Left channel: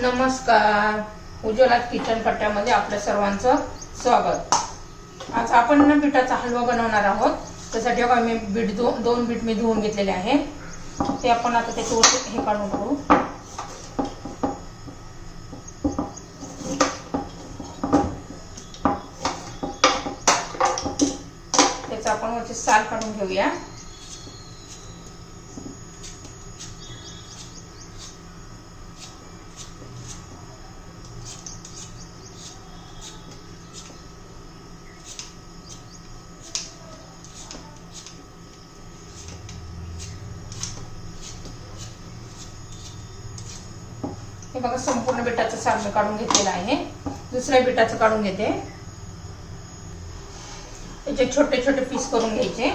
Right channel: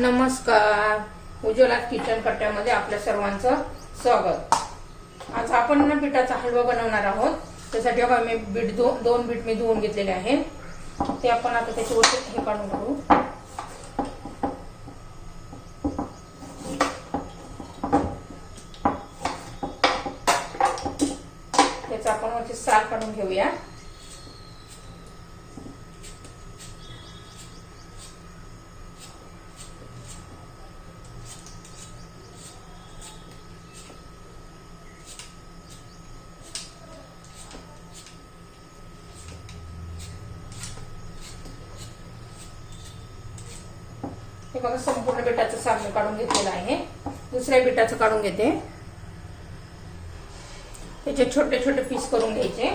नमस्कार. उज्ज्वला किचन पट्ट्यामध्ये आपल्या सर्वांचं स्वागत. आज आपण ना पिठाचा हलवा बनवणार आहोत. त्यासाठी आपण मी बीट दोन दोन बीट मी धुवून घेतलेले आहे. ते आपण आता त्याच्यावरती हे काढून काढू त्याचा आपण वरची साल काढून घेऊया. हे बघा संपूर्ण बिटाचं साल काढून घेतलेलं आहे. दुसऱ्या बिटाचं काढून घेते. त्याचे छोटे छोटे पीस करून घ्यायचे.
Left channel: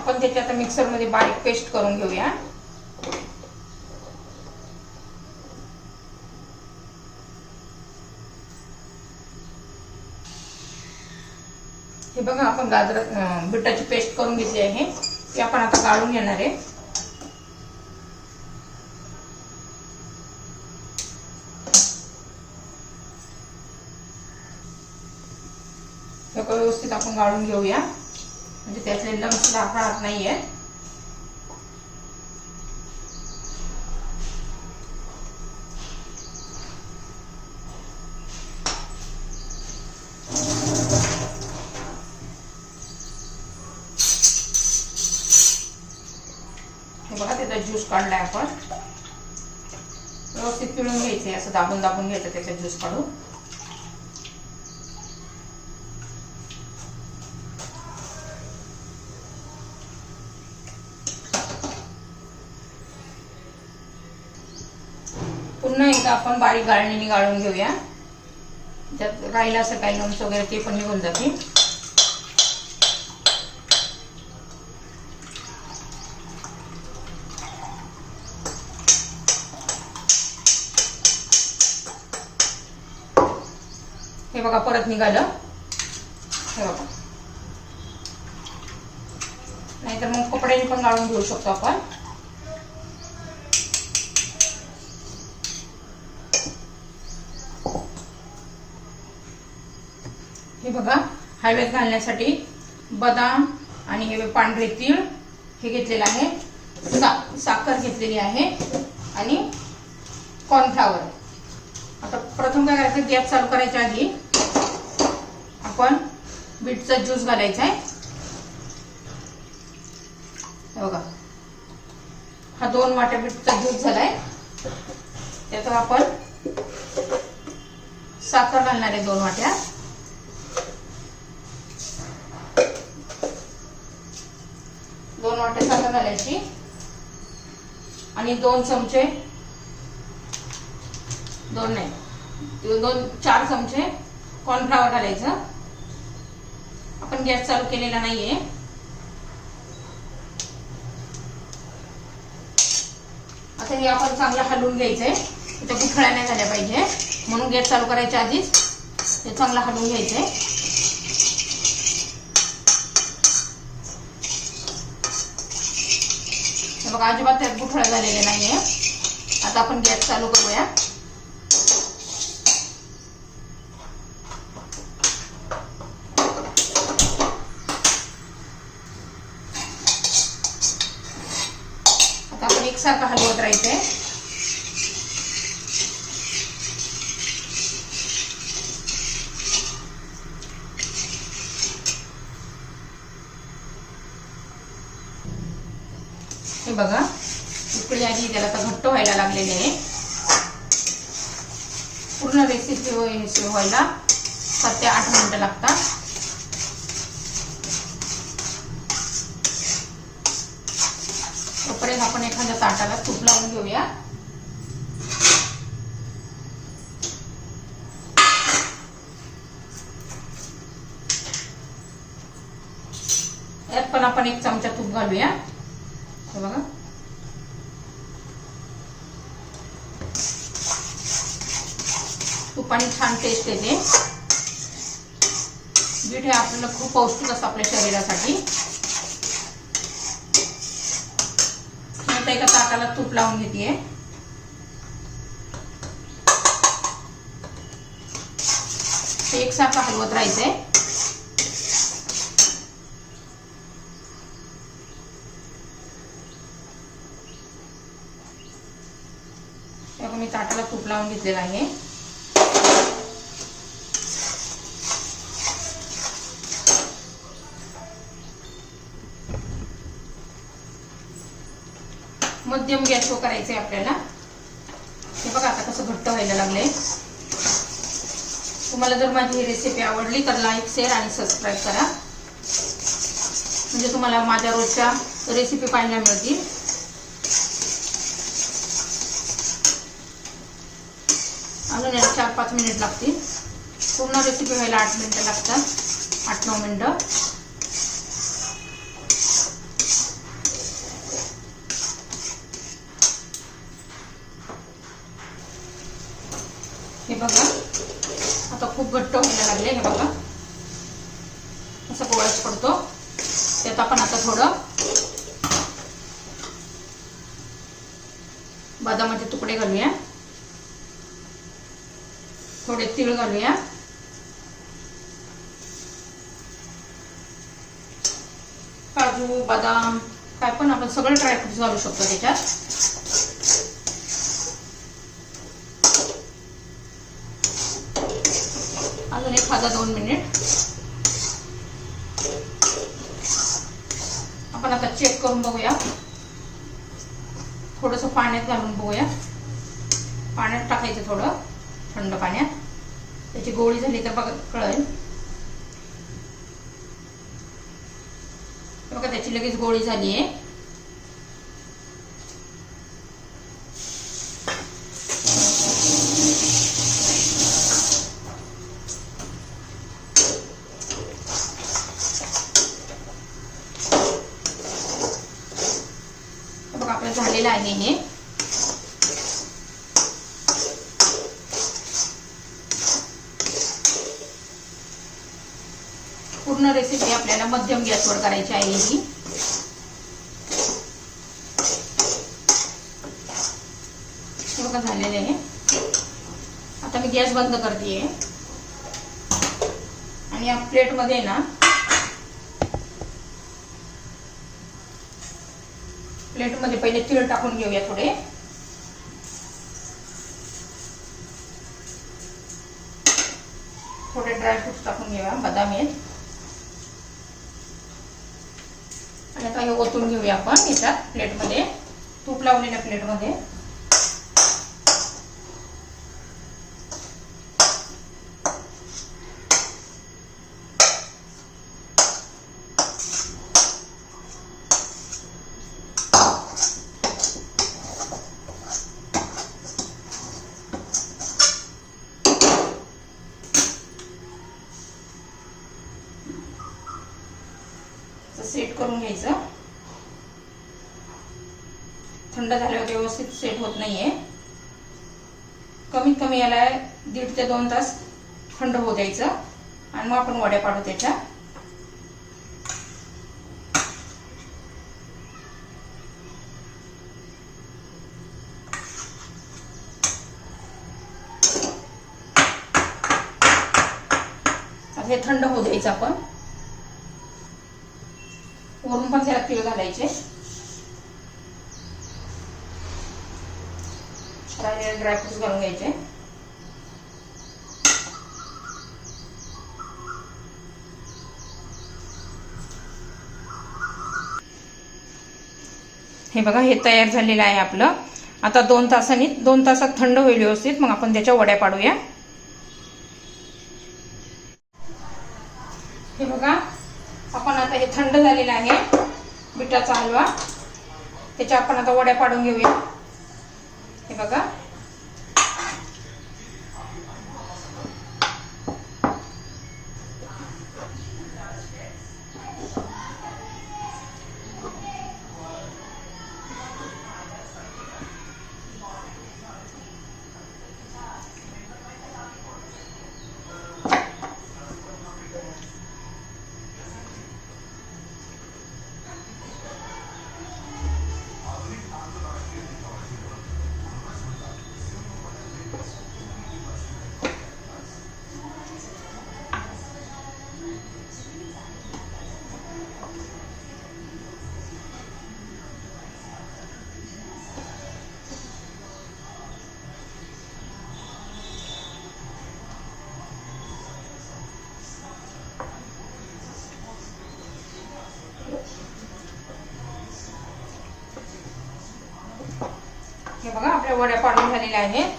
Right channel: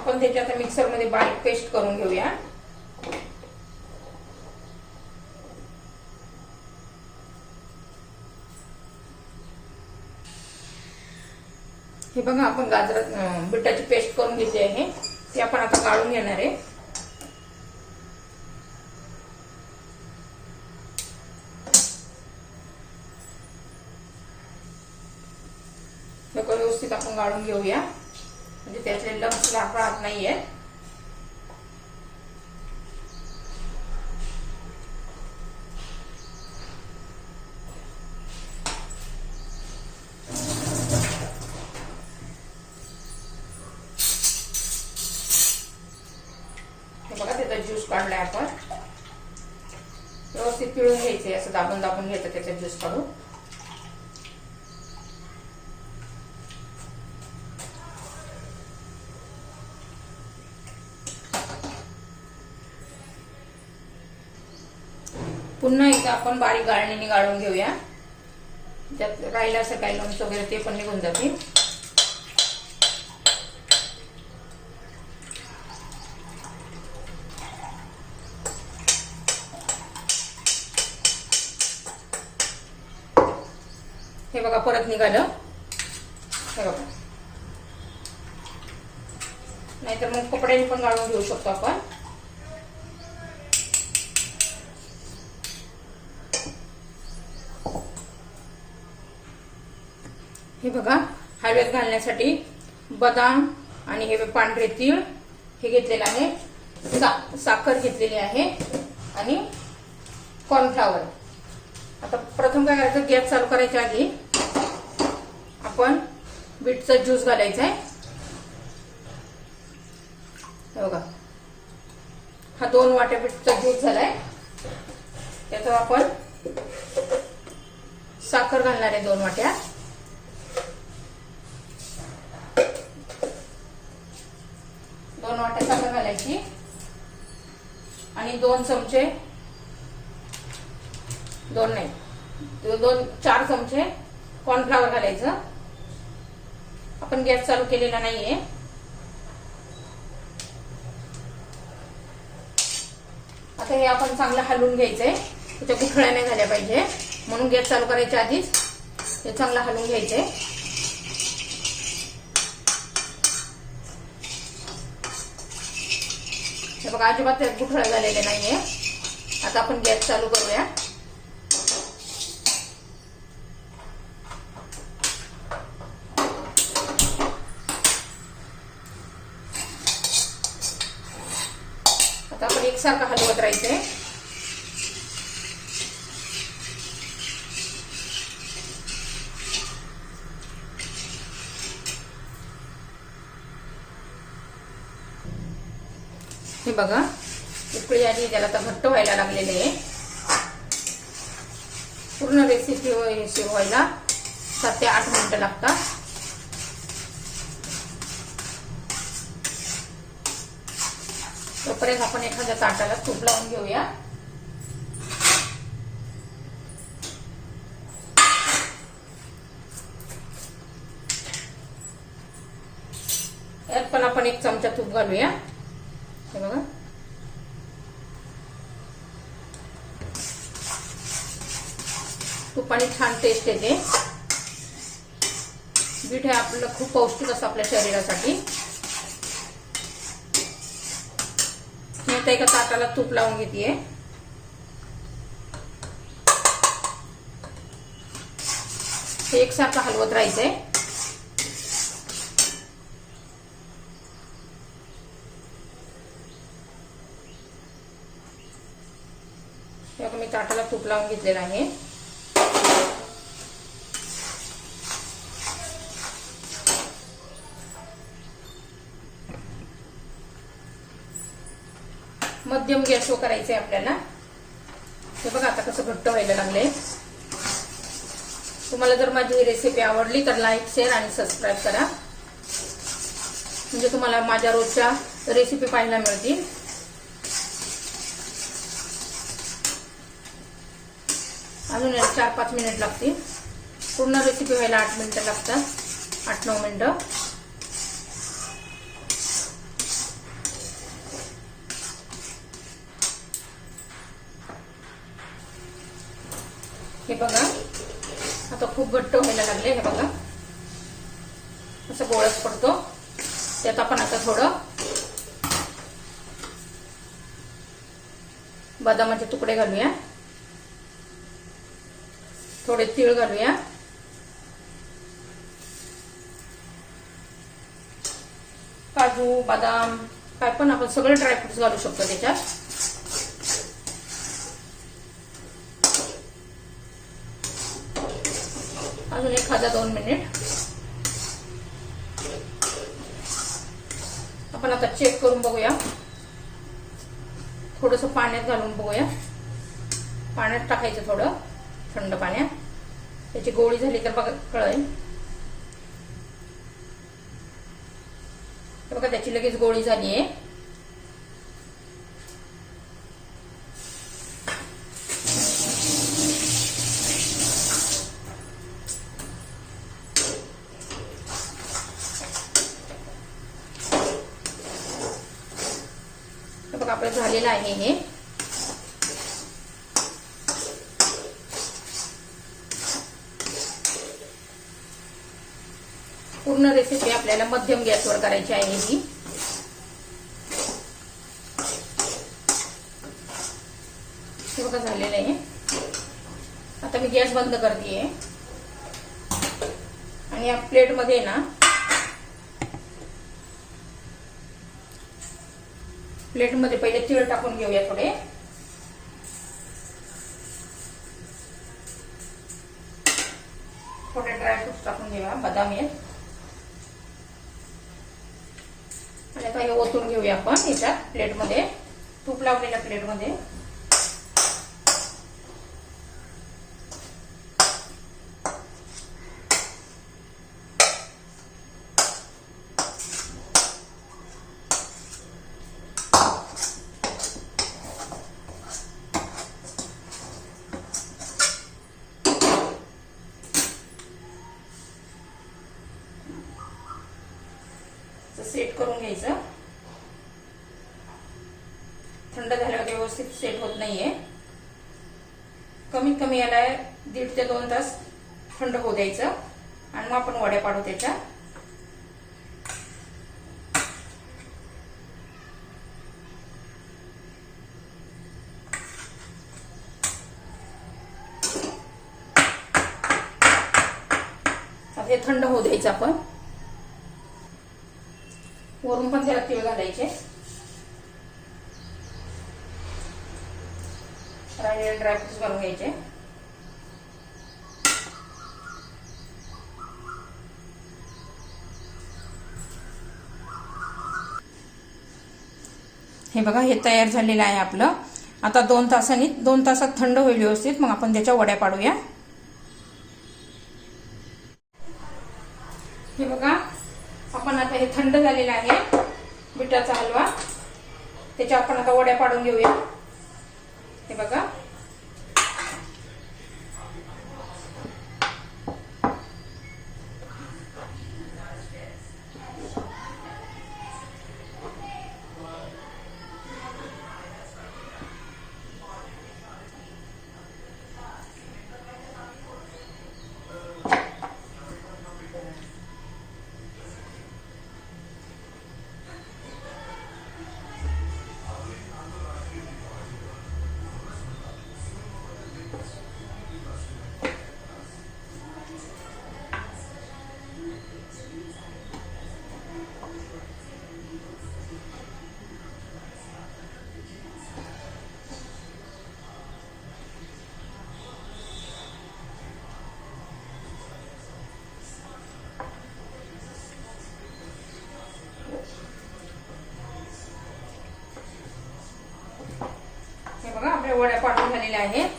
आपण त्याची आता मिक्सरमध्ये बारीक पेस्ट करून घेऊया. हे बघा आपण गाजर बिटाची पेस्ट करून घेतली आहे. ती आपण आता गाळून घेणार आहे. व्यवस्थित आपण गाळून घेऊया. म्हणजे त्याचे लम्स राहत नाहीये. बघा त्याचा ज्यूस काढलाय आपण. व्यवस्थित पिळून घ्यायचंय असं दाबून दाबून घ्यायचं त्याचा ज्यूस काढून. आपण बारीक गाळणीने गाळून घेऊया. त्यात राहिलं असं काही लम्स वगैरे ते पण निघून जातील. हे बघा परत निघालं. हे बघा. नाहीतर मग कपड्याने पण गाळून घेऊ शकतो आपण. हे बघा हळव्यात घालण्यासाठी बदाम आणि हे पांढरे तीळ हे घेतलेलं आहे. सा साखर घेतलेली आहे आणि कॉर्नफ्लावर आता प्रथम काय करायचं गॅस चालू करायच्या आधी आपण बीटचा ज्यूस घालायचा आहे. बघा हा दोन वाट्या बीटचा ज्यूस झालाय. त्याच्यात आपण साखर घालणार आहे दोन वाट्या दोन वाट्या साखर घालायची. आणि दोन चमचे दोन नाही दोन चार चमचे कॉर्नफ्लावर घालायचं. आपण गॅस चालू केलेला नाहीये. आता हे आपण चांगलं हलवून घ्यायचंय. त्याच्या गुठळ्या नाही झाल्या पाहिजे. म्हणून गॅस चालू करायच्या आधीच हे चांगलं हलवून घ्यायचंय. बघा अजिबात त्यात गुठळ्या झालेले नाहीये. आता आपण गॅस चालू करूया. आता आपण एकसारखं हलवत राहायचंय. हे बघा. उकळी आली त्याला आता घट्ट व्हायला लागलेले आहे. पूर्ण रेसिपी व्हायला सात ते आठ मिनिटं लागतात. तोपर्यंत आपण एखाद्या ताटाला तूप लावून घेऊया. यात पण आपण एक चमचा तूप घालूया. हे बघा. तुपाने छान टेस्ट येते. बीट हे आपल्याला खूप पौष्टिक असतं आपल्या शरीरासाठी. मी एका ताटाला तूप लावून घेते. ते एकसारखं हलवत राहायचंय. तेव्हा मी ताटाला तूप लावून घेतलेलं आहे. मध्यम गॅसवर करायचंय आपल्याला. हे बघा आता कसं घट्ट व्हायला लागलंय. तुम्हाला जर माझी रेसिपी आवडली तर लाईक शेअर आणि सबस्क्राईब करा. म्हणजे तुम्हाला माझ्या रोजच्या रेसिपी पाहायला मिळतील. अजून याला चार पाच मिनिट लागतील. पूर्ण रेसिपी व्हायला आठ मिनिटं लागतात. आठ नऊ मिनिटं. हे बघा. आता खूप घट्ट व्हायला लागले हे बघा. असं गोळच पडतो. त्यात आपण आता थोडं बदामाचे तुकडे घालूया. थोडे तीळ घालूया. काजू बदाम काय पण आपण सगळे ड्रायफ्रुट्स घालू शकतो त्याच्यात. अजून एखादा दोन मिनिट आपण आता चेक करून बघूया. थोडस पाण्यात घालून बघूया. पाण्यात टाकायचं थोडं थंड पाण्यात. त्याची गोळी झाली तर बघा कळेल. बघा त्याची लगेच गोळी झाली आहे. बघा आपलं झालेलं आहे हे पूर्ण रेसिपी आपल्याला मध्यम गॅसवर करायची आहे ही. बघा झालेलं आहे. आता मी गॅस बंद करते आणि या प्लेटमध्ये ना प्लेटमध्ये पहिले तीळ टाकून घेऊया थोडे. थोडे ड्रायफ्रुट्स टाकून घेऊया बदाम आहेत. आणि आता हे ओतून घेऊया आपण. याच्यात प्लेटमध्ये तूप लावलेल्या प्लेटमध्ये सेट करून घ्यायचं थंड झाल्यावर व्यवस्थित सेट होत नाहीये कमीत कमी याला दीड ते दोन तास थंड होऊ द्यायचं. आणि मग आपण वड्या पाडू त्याच्या. हे थंड होऊ द्यायचं आपण. वरून पण त्याला तीळ घालायचे. राहिलेले ड्रायफ्रुट्स घालून घ्यायचे. हे बघा हे तयार झालेलं आहे आपलं. आता दोन तासांनी दोन तासात थंड होईल व्यवस्थित. मग आपण त्याच्या वड्या पाडूया. हे बघा आपण आता हे थंड झालेलं आहे बिटाचा हलवा. त्याच्या आपण आता वड्या पाडून घेऊया. हे बघा. वड्या पाडून झालेल्या आहेत.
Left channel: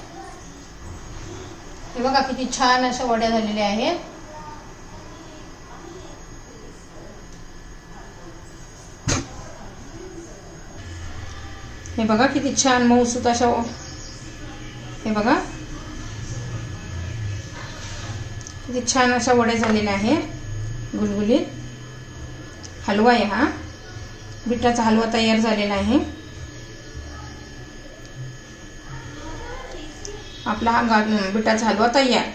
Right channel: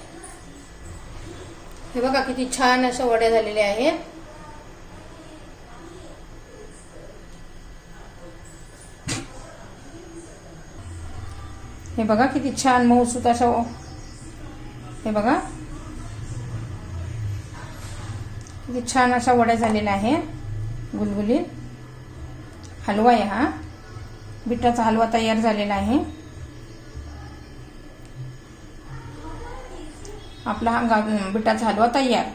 हे बघा किती छान अशा वड्या झालेल्या आहेत. हे बघा किती छान मऊसूत अशा हे बघा. किती छान अशा वड्या झालेल्या आहेत. गुलगुलीत. हलवा आहे हा. बिटाचा हलवा तयार झालेला आहे. आपला हा गा बिटाचा हलवा तयार.